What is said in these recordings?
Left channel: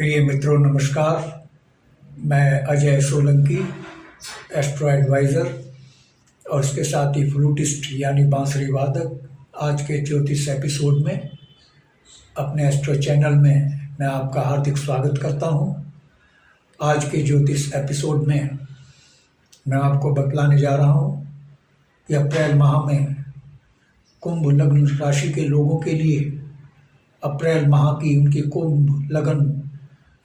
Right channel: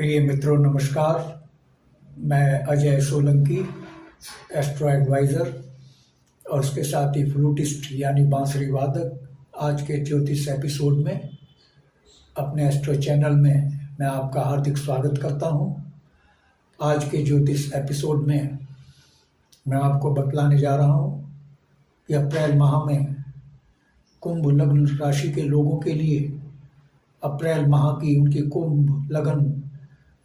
प्रिय मित्रों नमस्कार। मैं अजय सोलंकी, एस्ट्रो एडवाइज़र और उसके साथ ही फ्लूटिस्ट यानी बांसुरी वादक। आज के ज्योतिष एपिसोड में अपने एस्ट्रो चैनल में मैं आपका हार्दिक स्वागत करता हूं। आज के ज्योतिष एपिसोड में मैं आपको बतलाने जा रहा हूं कि अप्रैल माह में कुंभ लग्न राशि के लोगों के लिए अप्रैल माह की उनकी कुंभ लग्न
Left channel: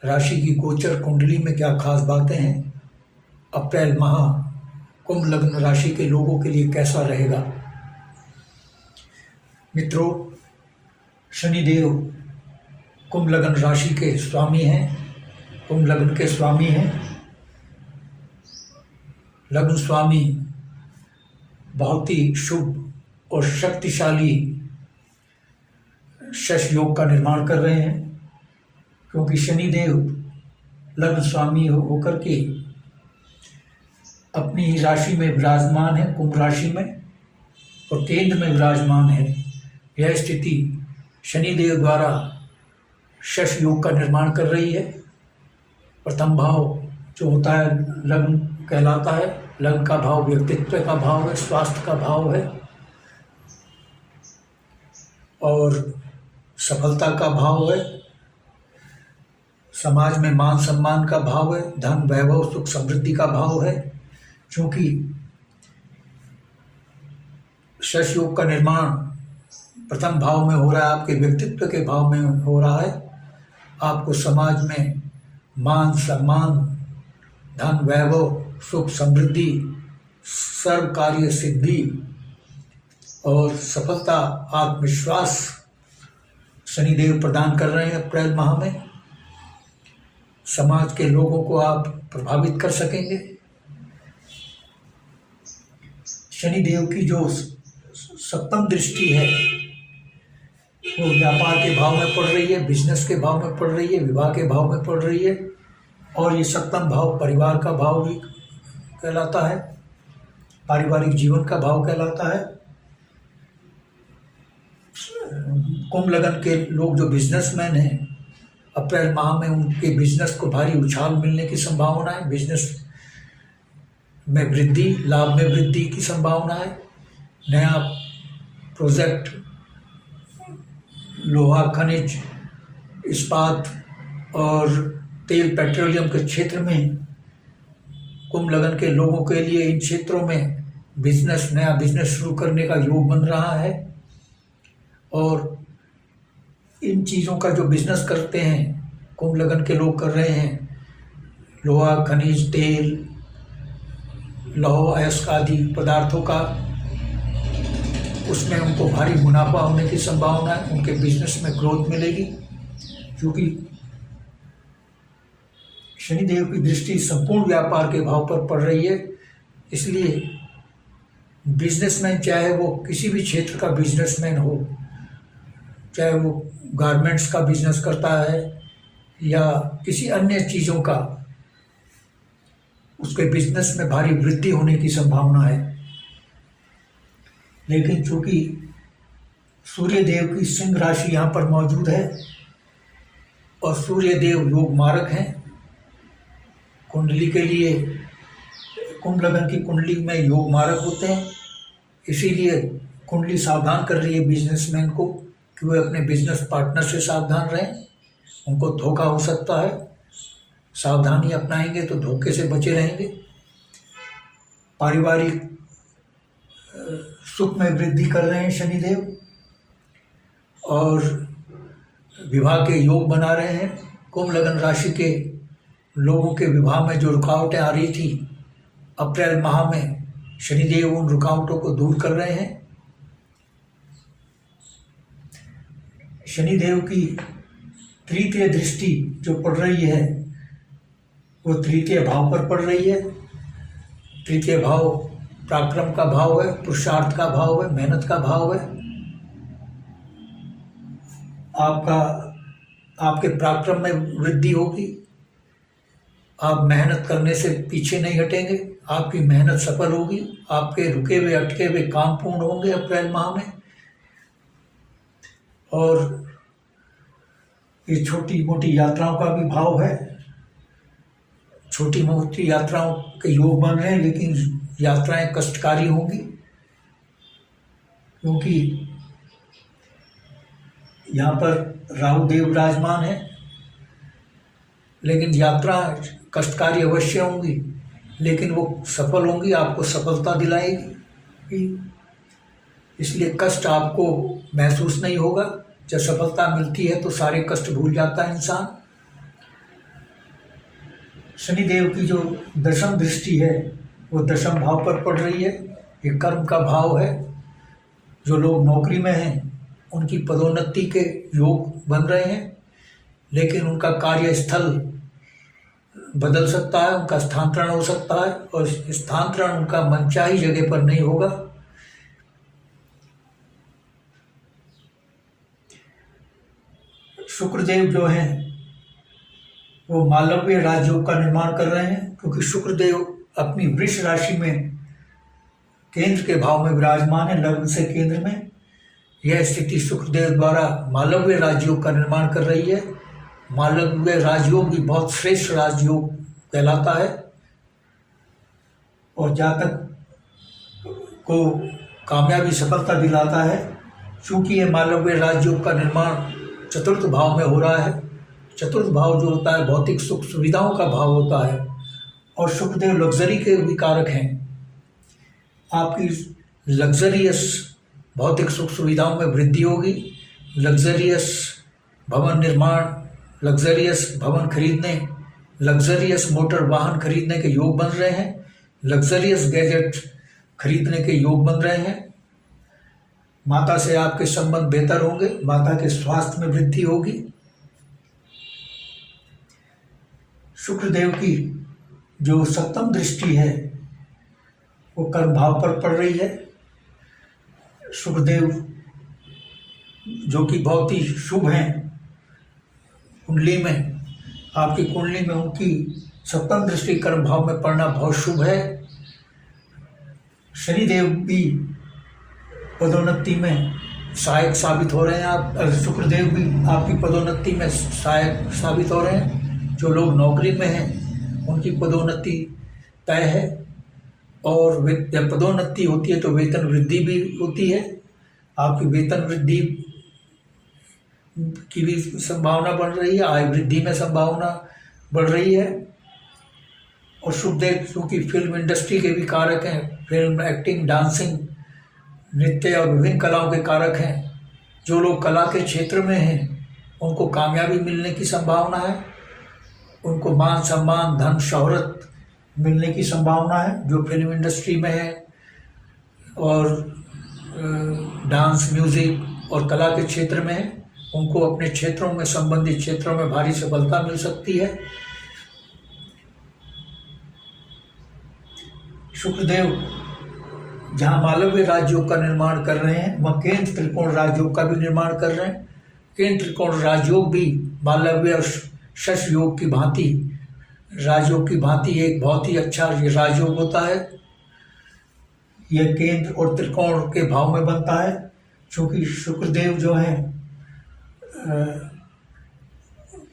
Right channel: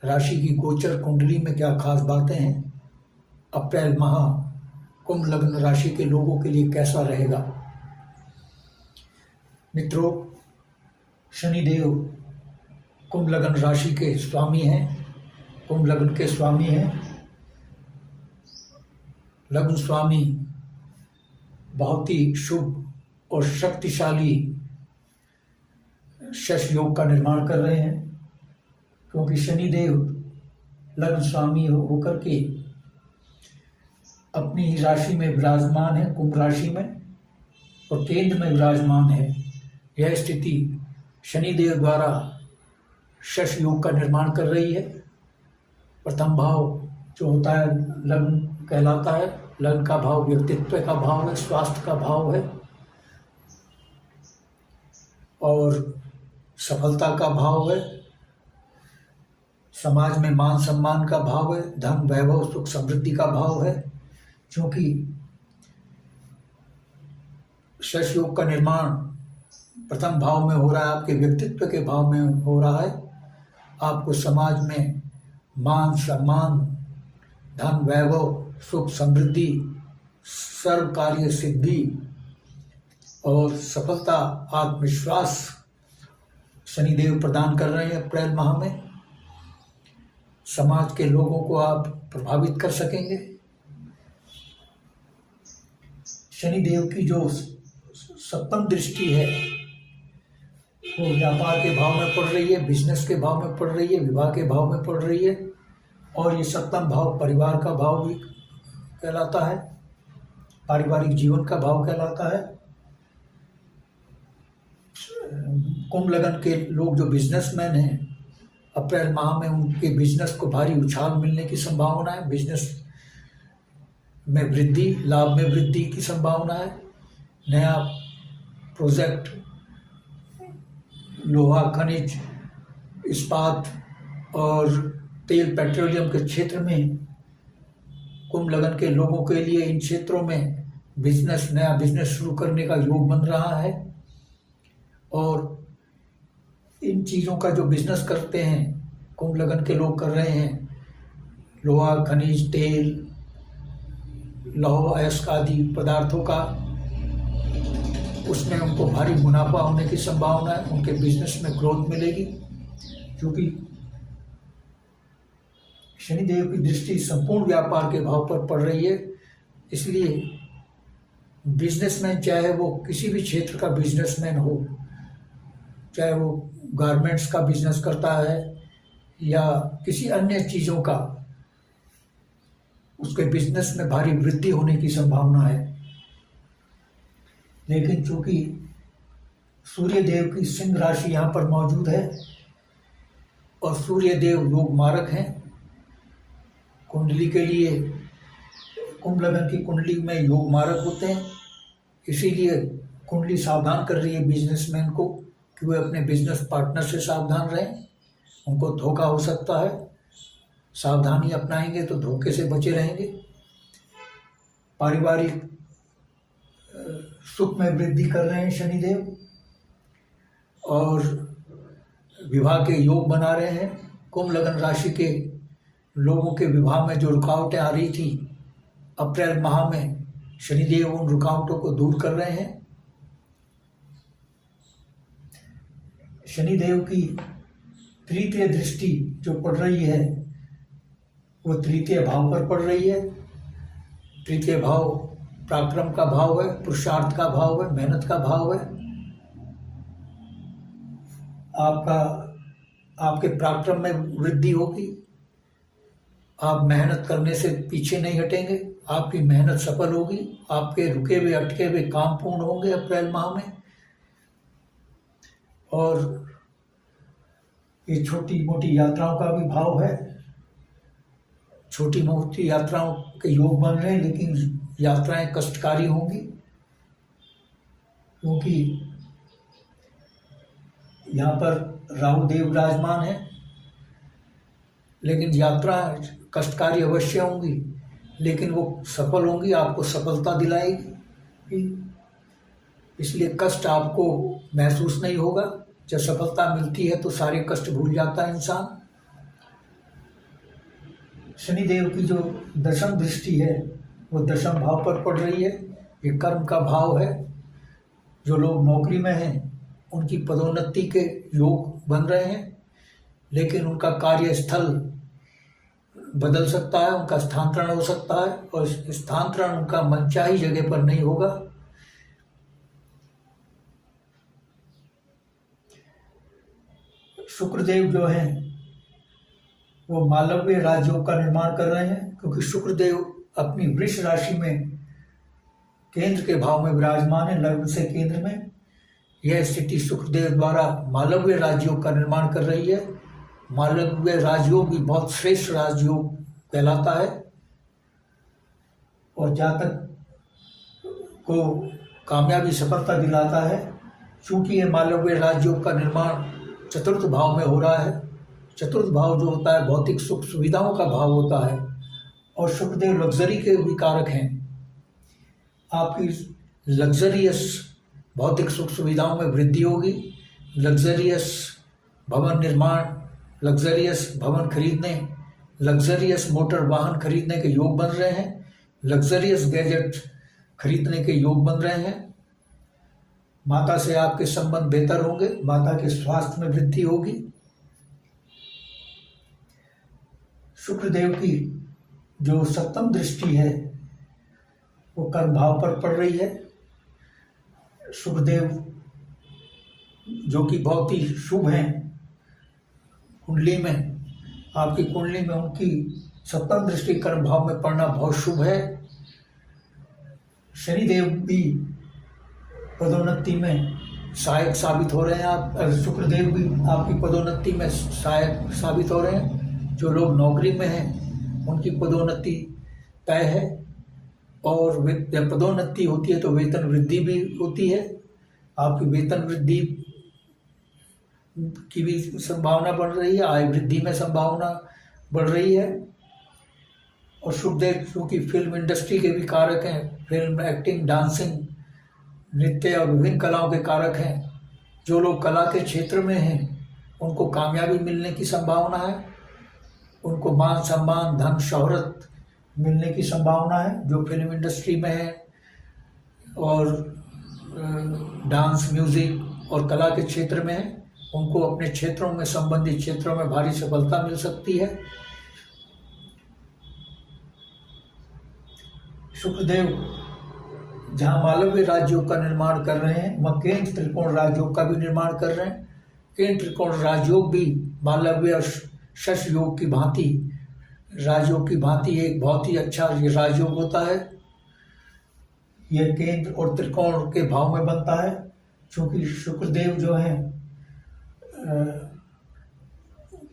राशि की गोचर कुंडली में क्या खास बातें हैं। अप्रैल माह कुंभ लग्न राशि के लोगों के लिए कैसा रहेगा। मित्रों, शनिदेव कुंभ लग्न राशि के स्वामी हैं, कुंभ लग्न के स्वामी हैं। लग्न स्वामी बहुत ही शुभ और शक्तिशाली शश योग का निर्माण कर रहे हैं, क्योंकि शनिदेव लग्न स्वामी होकर के अपनी ही राशि में विराजमान है, कुंभ राशि में, और केंद्र में विराजमान है। यह स्थिति शनिदेव द्वारा शश योग का निर्माण कर रही है। प्रथम भाव जो होता है लग्न कहलाता है। लग्न का भाव व्यक्तित्व का भाव है, स्वास्थ्य का भाव है और सफलता का भाव है। समाज में मान सम्मान का भाव है, धन वैभव सुख समृद्धि का भाव है। क्योंकि शश योग का निर्माण प्रथम भाव में हो रहा है, आपके व्यक्तित्व के भाव में हो रहा है। आपको समाज में मान सम्मान, धन वैभव सुख समृद्धि, सर्व कार्य सिद्धि और सफलता, आत्मविश्वास शनिदेव प्रदान कर रहे हैं। अप्रैल माह में समाज के लोगों को आप प्रभावित कर सकेंगे। शनिदेव की जो सप्तम दृष्टि है वो व्यापार के भाव में पड़ रही है, बिजनेस के भाव में पड़ रही है, विवाह के भाव में पड़ रही है। और ये सप्तम भाव परिवार का भाव भी कहलाता है, पारिवारिक जीवन का भाव कहलाता है। कुंभ लग्न के लोग जो बिजनेसमैन हैं, अप्रैल माह में उनके बिजनेस को भारी उछाल मिलने की संभावना है। बिजनेस में वृद्धि, लाभ में वृद्धि की संभावना है। नया प्रोजेक्ट, लोहा खनिज, इस्पात और तेल पेट्रोलियम के क्षेत्र में कुंभ लग्न के लोगों के लिए इन क्षेत्रों में बिजनेस, नया बिजनेस शुरू करने का योग बन रहा है। और इन चीज़ों का जो बिजनेस करते हैं कुंभ लग्न के लोग कर रहे हैं, लोहा खनिज, तेल, लौह अयस्क आदि पदार्थों का, उसमें उनको भारी मुनाफा होने की संभावना है। उनके बिजनेस में ग्रोथ मिलेगी, क्योंकि शनिदेव की दृष्टि संपूर्ण व्यापार के भाव पर पड़ रही है। इसलिए बिजनेसमैन, चाहे वो किसी भी क्षेत्र का बिजनेसमैन हो, चाहे वो गारमेंट्स का बिजनेस करता है या किसी अन्य चीज़ों का, उसके बिजनेस में भारी वृद्धि होने की संभावना है। लेकिन चूंकि सूर्य देव की सिंह राशि यहाँ पर मौजूद है और सूर्य देव योग मारक हैं कुंडली के लिए, कुंभ लग्न की कुंडली में योग मारक होते हैं। इसीलिए कुंडली सावधान कर रही है बिजनेसमैन को कि वे अपने बिजनेस पार्टनर से सावधान रहें, उनको धोखा हो सकता है। सावधानी अपनाएंगे तो धोखे से बचे रहेंगे। पारिवारिक सुख में वृद्धि कर रहे हैं शनिदेव और विवाह के योग बना रहे हैं। कुंभ लग्न राशि के लोगों के विवाह में जो रुकावटें आ रही थी, अप्रैल माह में शनिदेव उन रुकावटों को दूर कर रहे हैं। शनिदेव की तृतीय दृष्टि जो पड़ रही है वो तृतीय भाव पर पड़ रही है। तृतीय भाव पराक्रम का भाव है, पुरुषार्थ का भाव है, मेहनत का भाव है। आपके पराक्रम में वृद्धि होगी। आप मेहनत करने से पीछे नहीं हटेंगे, आपकी मेहनत सफल होगी। आपके रुके हुए अटके हुए काम पूर्ण होंगे अप्रैल माह में। और ये छोटी मोटी यात्राओं का भी भाव है। छोटी मोटी यात्राओं के योग बन रहे हैं, लेकिन यात्राएं कष्टकारी होंगी, क्योंकि यहाँ पर राहु देव विराजमान है। लेकिन यात्रा कष्टकारी अवश्य होंगी, लेकिन वो सफल होंगी, आपको सफलता दिलाएगी। इसलिए कष्ट आपको महसूस नहीं होगा। जब सफलता मिलती है तो सारे कष्ट भूल जाता है इंसान। शनिदेव की जो दशम दृष्टि है वो दशम भाव पर पड़ रही है। ये कर्म का भाव है। जो लोग नौकरी में हैं उनकी पदोन्नति के योग बन रहे हैं, लेकिन उनका कार्यस्थल बदल सकता है, उनका स्थानांतरण हो सकता है, और स्थानांतरण उनका मनचाही जगह पर नहीं होगा। शुक्रदेव जो हैं वो मालव्य राजयोग का निर्माण कर रहे हैं, क्योंकि शुक्रदेव अपनी वृष राशि में केंद्र के भाव में विराजमान है, लग्न से केंद्र में। यह स्थिति शुक्रदेव द्वारा मालव्य राजयोग का निर्माण कर रही है। मालव्य राजयोग भी बहुत श्रेष्ठ राजयोग कहलाता है, और जातक को कामयाबी सफलता दिलाता है। चूंकि यह मालव्य राजयोग का निर्माण चतुर्थ भाव में हो रहा है। चतुर्थ भाव जो होता है भौतिक सुख सुविधाओं का भाव होता है, और शुक्रदेव लग्जरी के भी कारक हैं। आपकी लग्जरियस भौतिक सुख सुविधाओं में वृद्धि होगी। लग्जरियस भवन निर्माण, लग्जरियस भवन खरीदने, लग्जरियस मोटर वाहन खरीदने के योग बन रहे हैं। लग्जरियस गैजेट खरीदने के योग बन रहे हैं। माता से आपके संबंध बेहतर होंगे, माता के स्वास्थ्य में वृद्धि होगी। शुक्रदेव की जो सप्तम दृष्टि है वो कर्म भाव पर पड़ रही है। शुक्रदेव जो कि बहुत ही शुभ हैं कुंडली में, आपकी कुंडली में उनकी सप्तम दृष्टि कर्म भाव में पड़ना बहुत शुभ है। शनिदेव भी पदोन्नति में सहायक साबित हो रहे हैं। आप शुक्रदेव भी आपकी पदोन्नति में सहायक साबित हो रहे हैं। जो लोग नौकरी में हैं उनकी पदोन्नति तय है, और जब पदोन्नति होती है तो वेतन वृद्धि भी होती है। आपकी वेतन वृद्धि की भी संभावना बढ़ रही है, आय वृद्धि में संभावना बढ़ रही है। और शुक्रदेव क्योंकि फिल्म इंडस्ट्री के भी कारक हैं, फिल्म, एक्टिंग, डांसिंग, नृत्य और विभिन्न कलाओं के कारक हैं। जो लोग कला के क्षेत्र में हैं उनको कामयाबी मिलने की संभावना है। उनको मान सम्मान, धन, शोहरत मिलने की संभावना है। जो फिल्म इंडस्ट्री में है और डांस, म्यूजिक और कला के क्षेत्र में है, उनको अपने क्षेत्रों में, संबंधित क्षेत्रों में भारी सफलता मिल सकती है। शुक्रदेव जहाँ मालव्य राजयोग का निर्माण कर रहे हैं वह केंद्र त्रिकोण राजयोग का भी निर्माण कर रहे हैं। केंद्र त्रिकोण राजयोग भी मालव्य और शश योग की भांति, राजयोग की भांति एक बहुत ही अच्छा राजयोग होता है। यह केंद्र और त्रिकोण के भाव में बनता है, क्योंकि शुक्रदेव जो है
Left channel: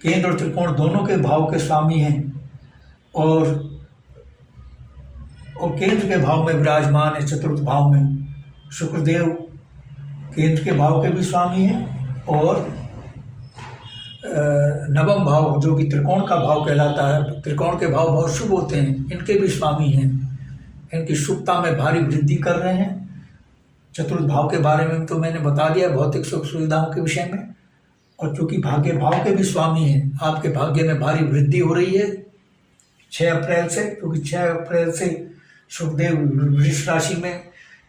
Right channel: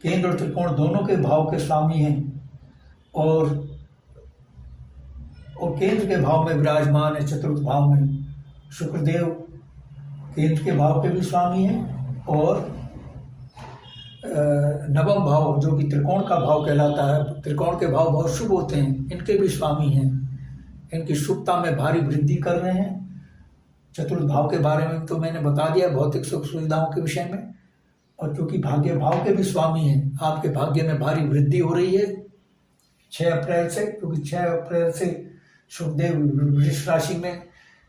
केंद्र और त्रिकोण दोनों के भाव के स्वामी हैं, और केंद्र के भाव में विराजमान है। चतुर्थ भाव में शुक्रदेव केंद्र के भाव के भी स्वामी हैं, और नवम भाव जो कि त्रिकोण का भाव कहलाता है, त्रिकोण के भाव बहुत शुभ होते हैं, इनके भी स्वामी हैं। इनकी शुभता में भारी वृद्धि कर रहे हैं। चतुर्थ भाव के बारे में तो मैंने बता दिया, भौतिक सुख सुविधाओं के विषय में। और चूंकि भाग्य भाव के भी स्वामी हैं, आपके भाग्य में भारी वृद्धि हो रही है 6 अप्रैल से, क्योंकि 6 अप्रैल से शुक्रदेव वृष राशि में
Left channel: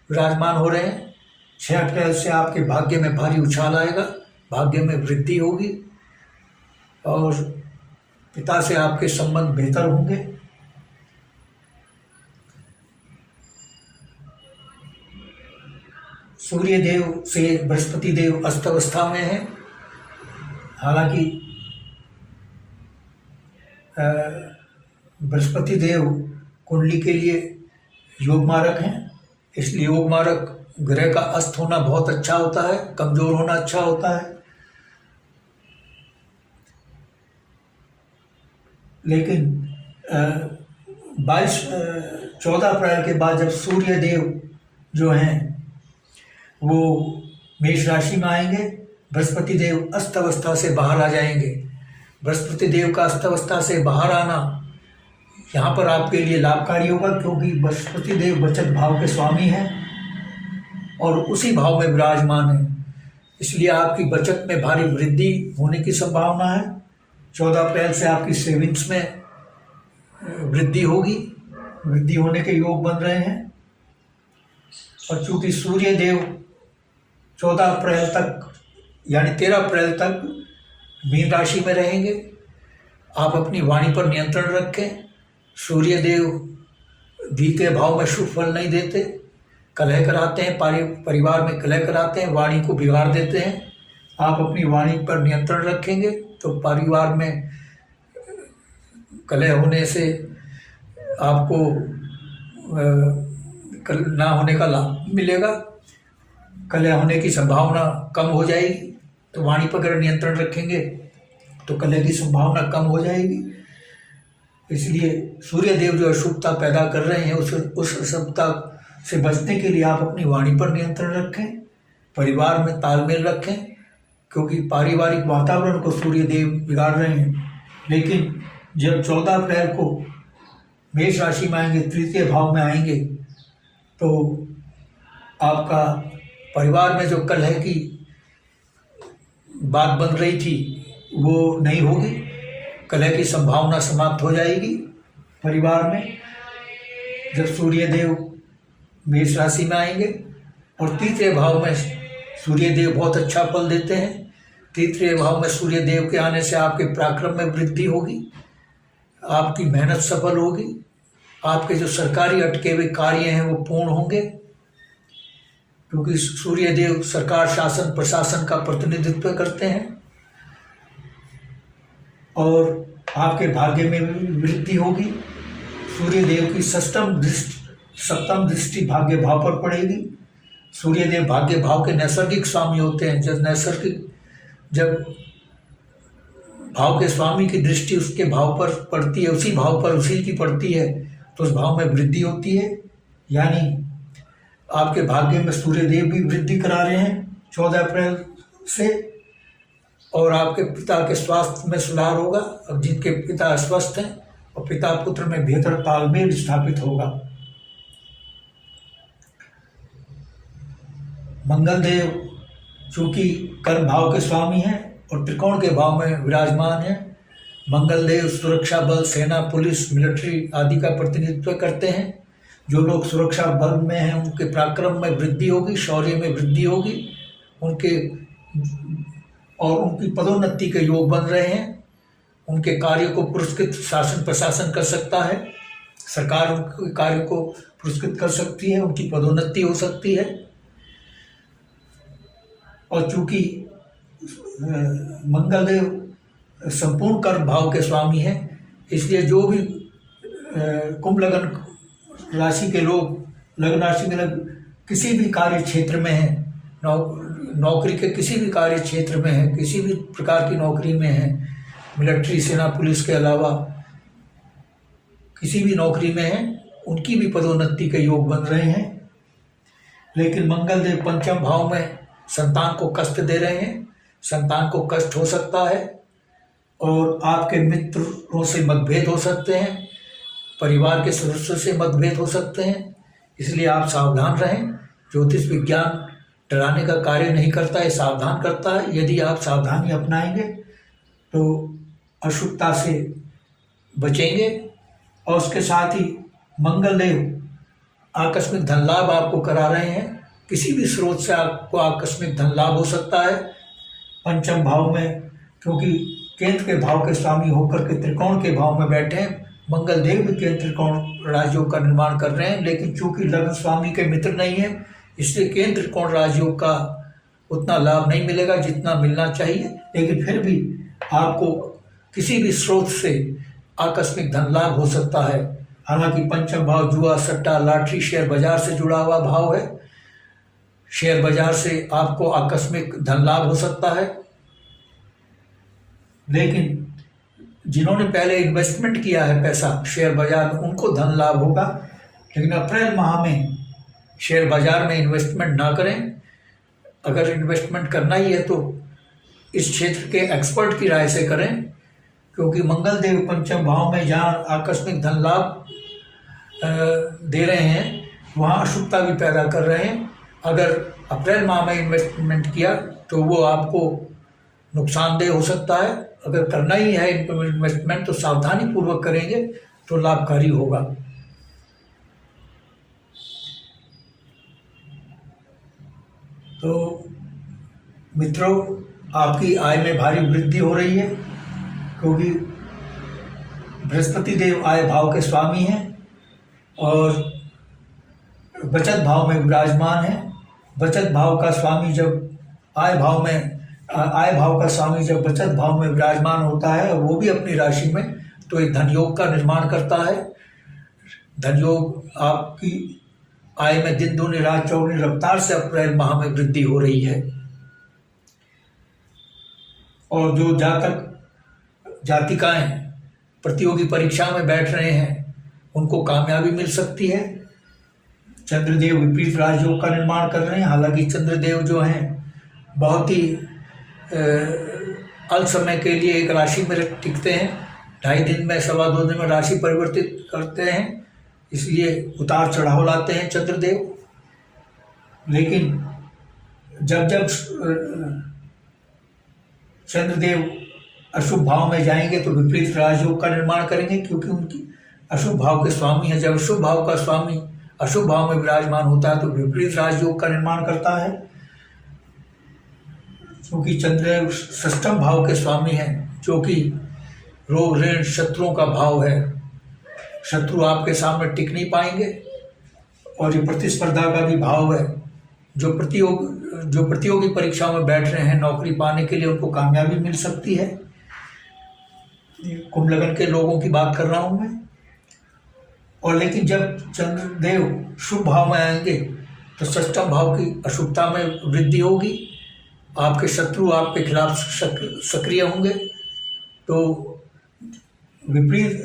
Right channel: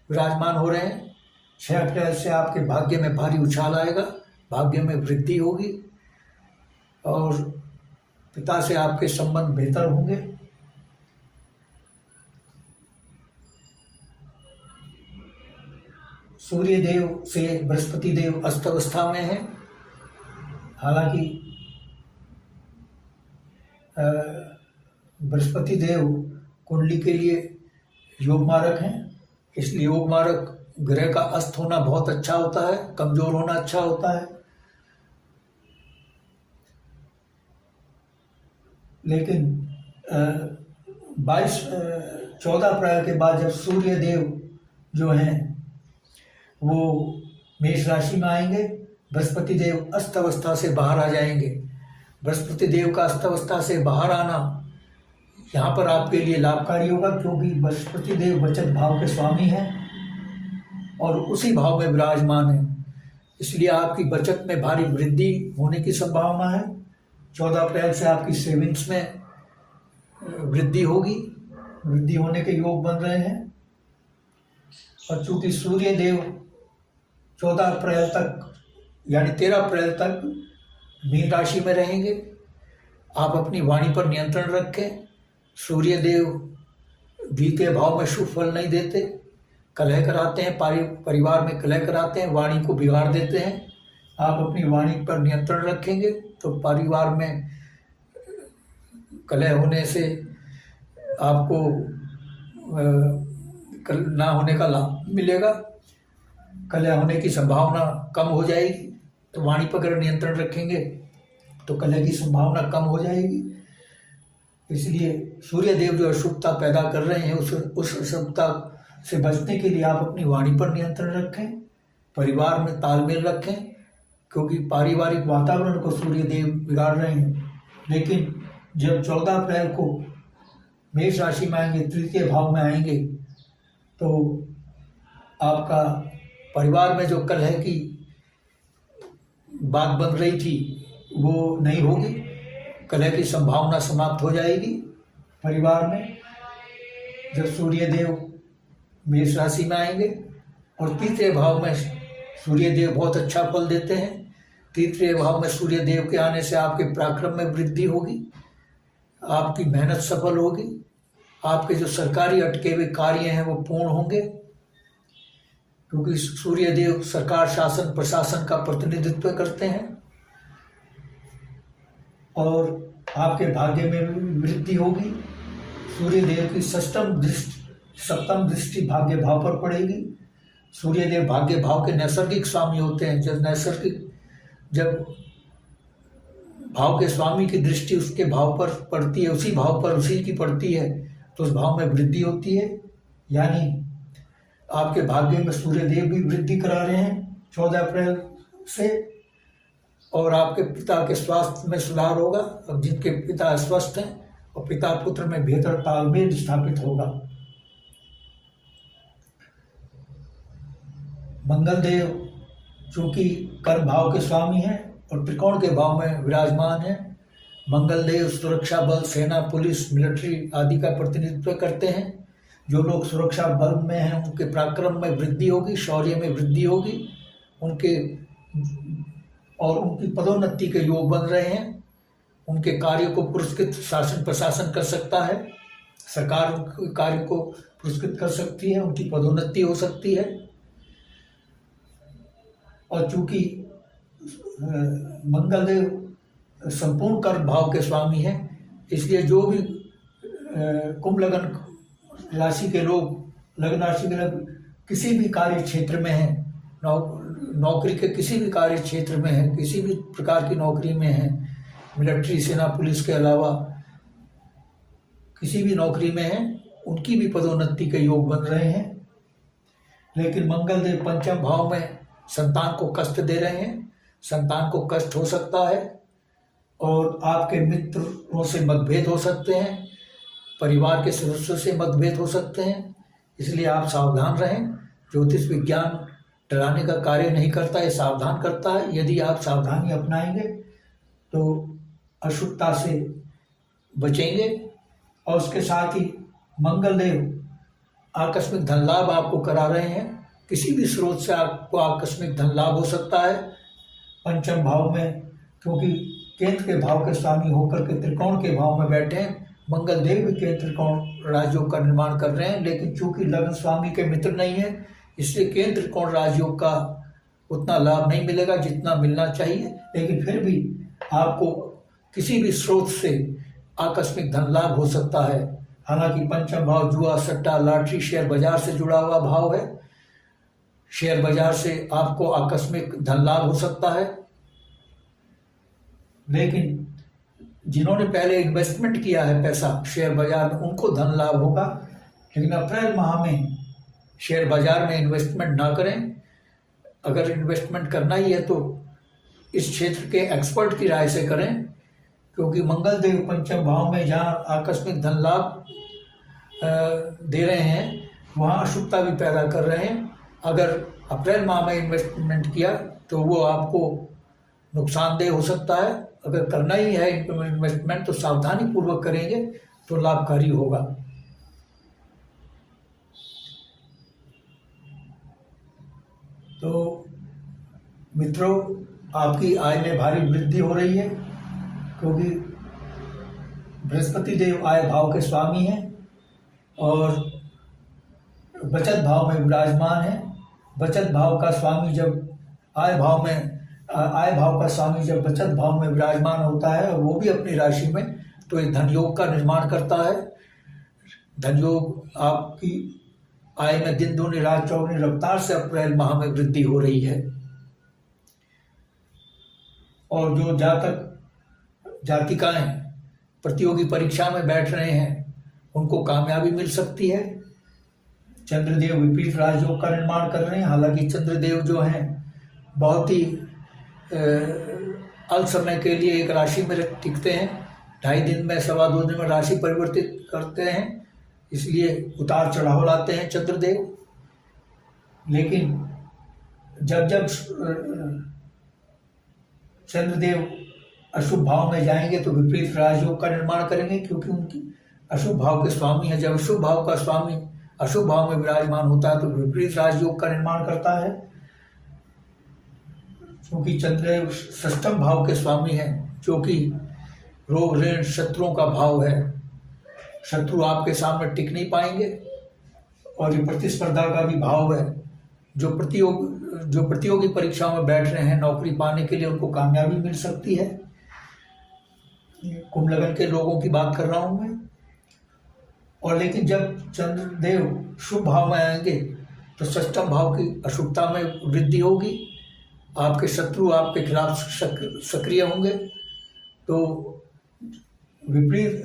विराजमान हो रहे हैं। 6 अप्रैल से आपके भाग्य में भारी उछाल आएगा, भाग्य में वृद्धि होगी, और पिता से आपके संबंध बेहतर होंगे। सूर्य देव से बृहस्पति देव अस्तवस्था में है। हालांकि बृहस्पति देव कुंडली के लिए योग मारक हैं, इसलिए योग मारक ग्रह का अस्त होना बहुत अच्छा होता है, कमजोर होना अच्छा होता है। लेकिन 14 अप्रैल के बाद जब सूर्य देव जो हैं वो मेष राशि में आएंगे, बृहस्पति देव अस्त अवस्था से बाहर आ जाएंगे। बृहस्पति देव का अस्त अवस्था से बाहर आना यहाँ पर आपके लिए लाभकारी होगा, क्योंकि बृहस्पति देव बचत भाव के स्वामी हैं और उसी भाव में विराजमान है। इसलिए आपकी बचत में भारी वृद्धि होने की संभावना है। 14 अप्रैल से आपकी सेविंग्स में वृद्धि होगी, वृद्धि होने के योग बन रहे हैं। और चूंकि सूर्य देव 14 अप्रैल तक यानी 13 अप्रैल तक मीन राशि में रहेंगे, आप अपनी वाणी पर नियंत्रण रखें। सूर्य देव द्वितीय भाव में शुभ फल नहीं देते, कलह कराते हैं, परिवार में कलह कराते हैं, वाणी को बिगाड़ देते हैं। आप अपनी वाणी पर नियंत्रण रखेंगे तो परिवार में कलह होने से आपको ना होने का लाभ मिलेगा, कलह होने की संभावना कम हो जाएगी। तो वाणी पर अगर नियंत्रण रखेंगे तो कलह की संभावना कम हो जाएगी। इसलिए सूर्य देव जो अशुभता पैदा कर रहे हैं उस अशुभता से बचने के लिए आप अपनी वाणी पर नियंत्रण रखें, परिवार में तालमेल रखें, क्योंकि पारिवारिक वातावरण को सूर्य देव बिगाड़ रहे हैं। लेकिन जब 14 अप्रैल को मेष राशि में आएंगे, तृतीय भाव में आएंगे, तो आपका परिवार में जो कलह की बात बन रही थी वो नहीं होगी, कलह की संभावना समाप्त हो जाएगी परिवार में जब सूर्य देव मेष राशि में आएंगे। और तृतीय भाव में सूर्य देव बहुत अच्छा फल देते हैं। तृतीय भाव में सूर्य देव के आने से आपके पराक्रम में वृद्धि होगी, आपकी मेहनत सफल होगी, आपके जो सरकारी अटके हुए कार्य हैं वो पूर्ण होंगे, क्योंकि सूर्य देव सरकार शासन प्रशासन का प्रतिनिधित्व करते हैं। और आपके भाग्य में भी वृद्धि होगी। सूर्य देव की सप्तम दृष्टि भाग्य भाव पर पड़ेगी। सूर्य देव भाग्य भाव के नैसर्गिक स्वामी होते हैं। जब भाव के स्वामी की दृष्टि उसके भाव पर पड़ती है, उसी भाव पर उसी की पड़ती है, तो उस भाव में वृद्धि होती है। यानी आपके भाग्य में सूर्य देव भी वृद्धि करा रहे हैं 14 अप्रैल से। और आपके पिता के स्वास्थ्य में सुधार होगा। अब जिनके पिता अस्वस्थ हैं और पिता पुत्र में बेहतर तालमेल स्थापित होगा। मंगल देव चूंकि कर्म भाव के स्वामी हैं और त्रिकोण के भाव में विराजमान हैं, मंगल देव सुरक्षा बल, सेना, पुलिस, मिलिट्री आदि का प्रतिनिधित्व करते हैं। जो लोग सुरक्षा बल में हैं उनके पराक्रम में वृद्धि होगी, शौर्य में वृद्धि होगी, उनकी पदोन्नति के योग बन रहे हैं। उनके कार्य को पुरस्कृत शासन प्रशासन कर सकता है, सरकार उनके कार्य को पुरस्कृत कर सकती है, उनकी पदोन्नति हो सकती है। और चूंकि मंगल देव संपूर्ण कर्म भाव के स्वामी हैं, इसलिए जो भी कुंभ लग्न राशि के लोग, लग्न राशि के लोग किसी भी कार्य क्षेत्र में हैं, नौकरी के किसी भी कार्य क्षेत्र में हैं, किसी भी प्रकार की नौकरी में हैं, मिलिट्री, सेना, पुलिस के अलावा किसी भी नौकरी में हैं, उनकी भी पदोन्नति के योग बन रहे हैं। लेकिन मंगल देव पंचम भाव में संतान को कष्ट दे रहे हैं। संतान को कष्ट हो सकता है और आपके मित्रों से मतभेद हो सकते हैं, परिवार के सदस्यों से मतभेद हो सकते हैं। इसलिए आप सावधान रहें। ज्योतिष विज्ञान डराने का कार्य नहीं करता है, सावधान करता है। यदि आप सावधानी अपनाएंगे तो अशुभता से बचेंगे। और उसके साथ ही मंगल देव आकस्मिक धन लाभ आपको करा रहे हैं। किसी भी स्रोत से आपको आकस्मिक धन लाभ हो सकता है। पंचम भाव में, क्योंकि केंद्र के भाव के स्वामी होकर के त्रिकोण के भाव में बैठे हैं, मंगल देव भी केंद्र त्रिकोण राजयोग का निर्माण कर रहे हैं। लेकिन चूंकि लग्न स्वामी के मित्र नहीं है, इसलिए केंद्र त्रिकोण राजयोग का उतना लाभ नहीं मिलेगा जितना मिलना चाहिए। लेकिन फिर भी आपको किसी भी स्रोत से आकस्मिक धन लाभ हो सकता है। हालांकि पंचम भाव जुआ, सट्टा, लॉटरी, शेयर बाजार से जुड़ा हुआ भाव है। शेयर बाजार से आपको आकस्मिक धन लाभ हो सकता है। लेकिन जिन्होंने पहले इन्वेस्टमेंट किया है पैसा शेयर बाजार में उनको धन लाभ होगा, लेकिन अप्रैल माह में शेयर बाजार में इन्वेस्टमेंट ना करें। अगर इन्वेस्टमेंट करना ही है तो इस क्षेत्र के एक्सपर्ट की राय से करें, क्योंकि मंगल देव पंचम भाव में जहाँ आकस्मिक धन लाभ दे रहे हैं वहाँ अशुभता भी पैदा कर रहे हैं। अगर अप्रैल माह में इन्वेस्टमेंट किया तो वो आपको नुकसानदेह हो सकता है। अगर करना ही है इन्वेस्टमेंट तो सावधानी पूर्वक करेंगे तो लाभकारी होगा। तो मित्रों, आपकी आय में भारी वृद्धि हो रही है, क्योंकि बृहस्पति देव आय भाव के स्वामी हैं और बचत भाव में विराजमान है। बचत भाव का स्वामी जब आय भाव का स्वामी जब बचत भाव में विराजमान होता है, वो भी अपनी राशि में, तो एक धनयोग का निर्माण करता है। धनयोग आपकी आय में दिन दूनी रात चौगुनी रफ्तार से अप्रैल माह में वृद्धि हो रही है। और जो जातक जातिकाएं प्रतियोगी परीक्षा में बैठ रहे हैं उनको कामयाबी मिल सकती है। चंद्रदेव विपरीत राजयोग का निर्माण कर रहे हैं। हालांकि चंद्रदेव जो हैं बहुत ही अल्प समय के लिए एक राशि में टिकते हैं, 2.5 दिन में 2.25 दिन में राशि परिवर्तित करते हैं, इसलिए उतार चढ़ाव लाते हैं चंद्रदेव। लेकिन जब चंद्रदेव अशुभ भाव में जाएंगे तो विपरीत राजयोग का निर्माण करेंगे, क्योंकि उनकी अशुभ भाव के स्वामी है। जब शुभ भाव का स्वामी अशुभ भाव में विराजमान होता है तो विपरीत राजयोग का निर्माण करता है। क्योंकि चंद्रदेव षष्ठम भाव के स्वामी हैं, जो कि रोग ऋण शत्रुओं का भाव है। शत्रु आपके सामने टिक नहीं पाएंगे। और ये प्रतिस्पर्धा का भी भाव है। जो प्रतियोगी परीक्षाओं में बैठ रहे हैं नौकरी पाने के लिए, उनको कामयाबी मिल सकती है। कुंभ लग्न के लोगों की बात कर रहा हूं मैं। और लेकिन जब चंद्रदेव शुभ भाव में आएंगे तो षष्ठम भाव की अशुभता में वृद्धि होगी। आपके शत्रु आपके खिलाफ सक्रिय होंगे। तो विपरीत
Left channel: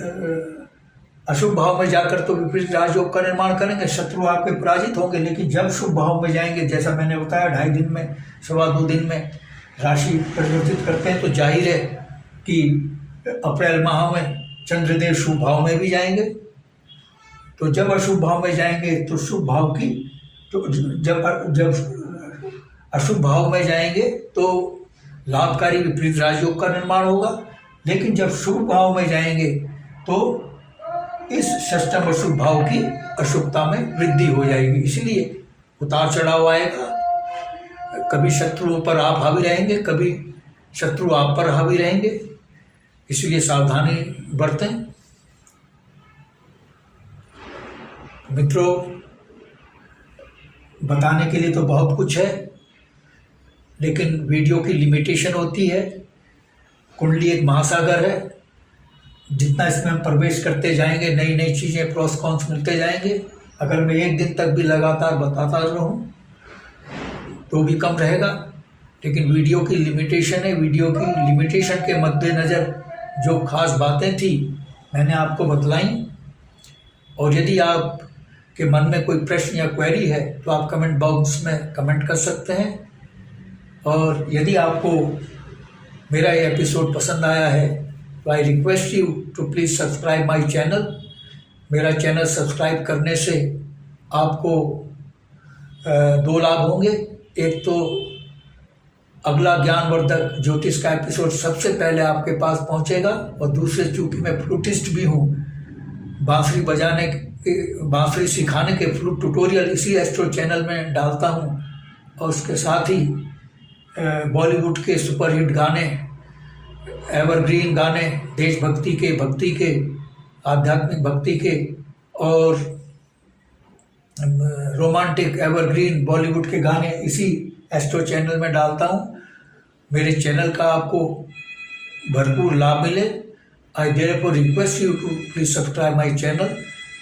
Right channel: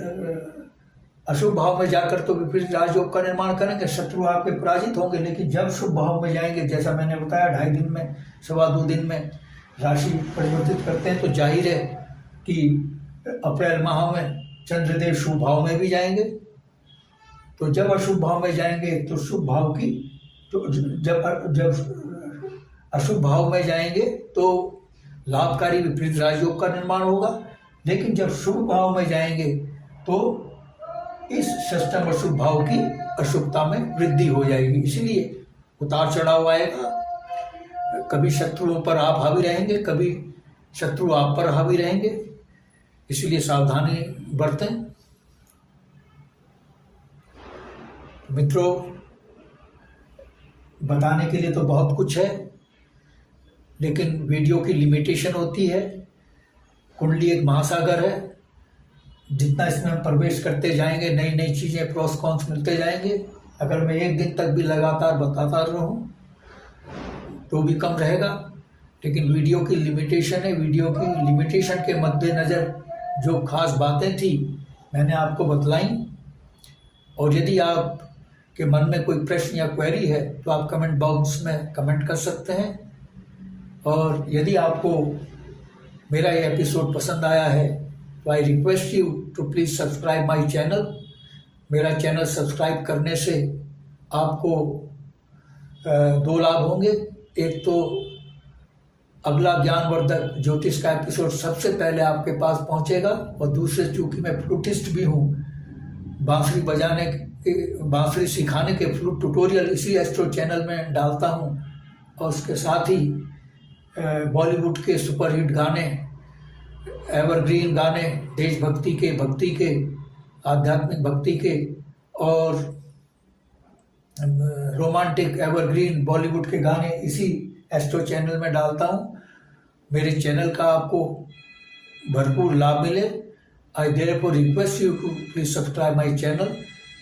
अशुभ भाव में जाकर तो विपरीत राजयोग का निर्माण करेंगे, शत्रु आपके पराजित होंगे। लेकिन जब शुभ भाव में जाएंगे, जैसा मैंने बताया 2.5 दिन में 2.25 दिन में राशि परिवर्तित करते हैं, तो जाहिर है कि अप्रैल माह में चंद्रदेव शुभ भाव में भी जाएंगे। तो जब अशुभ भाव में जाएंगे तो शुभ भाव की, तो जब अशुभ भाव में जाएंगे तो लाभकारी विपरीत राजयोग का निर्माण होगा। लेकिन जब शुभ भाव में जाएंगे तो इस षष्ठम अशुभ भाव की अशुभता में वृद्धि हो जाएगी। इसलिए उतार चढ़ाव आएगा। कभी शत्रुओं पर आप हावी रहेंगे, कभी शत्रु आप पर हावी रहेंगे। इसलिए सावधानी बरतें। मित्रों, बताने के लिए तो बहुत कुछ है, लेकिन वीडियो की लिमिटेशन होती है। कुंडली एक महासागर है। जितना इसमें हम प्रवेश करते जाएंगे, नई नई चीज़ें प्रोस कॉन्स मिलते जाएंगे। अगर मैं 1 दिन तक भी लगातार बताता रहूं तो भी कम रहेगा। लेकिन वीडियो की लिमिटेशन है। वीडियो की लिमिटेशन के मद्देनज़र जो खास बातें थी मैंने आपको बतलाई। और यदि आप के मन में कोई प्रश्न या क्वेरी है तो आप कमेंट बॉक्स में कमेंट कर सकते हैं। और यदि आपको मेरा ये एपिसोड पसंद आया है तो I request you to please subscribe my channel. मेरा चैनल सब्सक्राइब करने से आपको 2 लाभ होंगे। एक तो अगला ज्ञानवर्धक ज्योतिष का एपिसोड सबसे पहले आपके पास पहुंचेगा, और दूसरे, चूँकि मैं फ्लूटिस्ट भी हूँ, बांसुरी सिखाने के फ्लूट ट्यूटोरियल इसी एस्ट्रो चैनल में डालता हूँ। और उसके साथ ही बॉलीवुड के सुपरहिट गाने, एवरग्रीन गाने, देशभक्ति के, भक्ति के, आध्यात्मिक भक्ति के और रोमांटिक एवरग्रीन बॉलीवुड के गाने इसी एस्ट्रो चैनल में डालता हूँ। मेरे चैनल का आपको भरपूर लाभ मिले। I therefore request you to please subscribe my channel.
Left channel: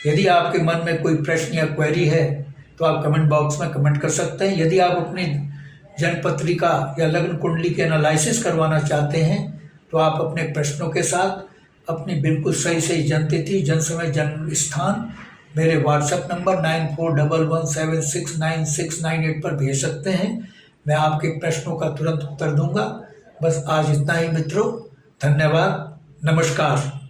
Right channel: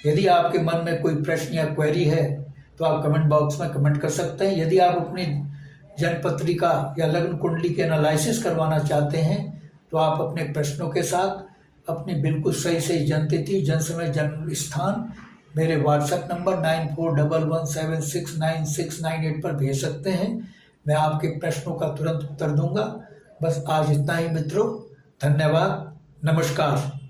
यदि आपके मन में कोई प्रश्न या क्वेरी है तो आप कमेंट बॉक्स में कमेंट कर सकते हैं। यदि आप अपनी जन्मपत्रिका या लग्न कुंडली के एनालिसिस करवाना चाहते हैं तो आप अपने प्रश्नों के साथ अपनी बिल्कुल सही सही जनतिथि, जन्म समय, जन्म स्थान मेरे व्हाट्सएप नंबर 9411769698 पर भेज सकते हैं। मैं आपके प्रश्नों का तुरंत उत्तर दूंगा। बस आज इतना ही मित्रों, धन्यवाद, नमस्कार।